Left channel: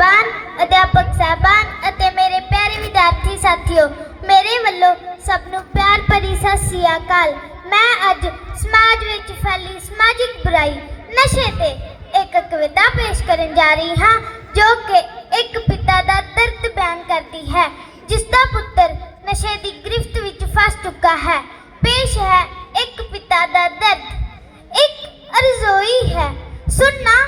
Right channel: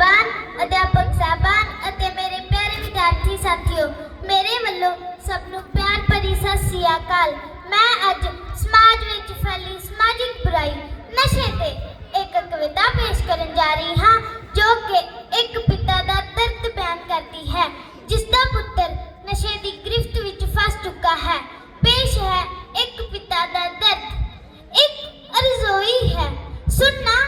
ਸਾਹਿਬਾਨ, ਅਧਿਆਪਕ ਸਾਹਿਬਾਨ ਅਤੇ ਮੇਰੇ ਪਿਆਰੇ ਵਿਦਿਆਰਥੀ ਸਾਥੀਓ, ਮੇਰੇ ਵੱਲੋਂ ਸਭ ਨੂੰ ਪਿਆਰ ਭਰੀ ਸਤਿ ਸ੍ਰੀ ਅਕਾਲ। ਮੈਂ ਅੱਜ ਸਮਾਜ ਵਿੱਚ ਫੈਲੀ ਸਮਾਜਿਕ ਬੁਰਾਈ ਨਸ਼ੇ ਤੇ ਇੱਕ ਕਵਿਤਾ ਪੇਸ਼ ਕਰਨ ਜਾ ਰਹੀ ਹਾਂ, ਜੋ ਕਿ ਇੱਕ ਪਿਤਾ ਦਾ ਦਰਦ ਬਿਆਨ ਕਰਦੀ ਹੈ, ਜਿਸ ਦਾ ਪੁੱਤਰ ਨਸ਼ੇ ਦੀ ਗ੍ਰਿਫਤ ਵਿੱਚ ਫਸ ਚੁੱਕਾ ਹੈ। ਪੇਸ਼ ਹੈ ਇੱਕ ਪਿਤਾ ਦਾ ਦਰਦ। ਇੱਕ ਅਰਜ਼ੋਈ ਹੈ। ਸੁਣਨਾ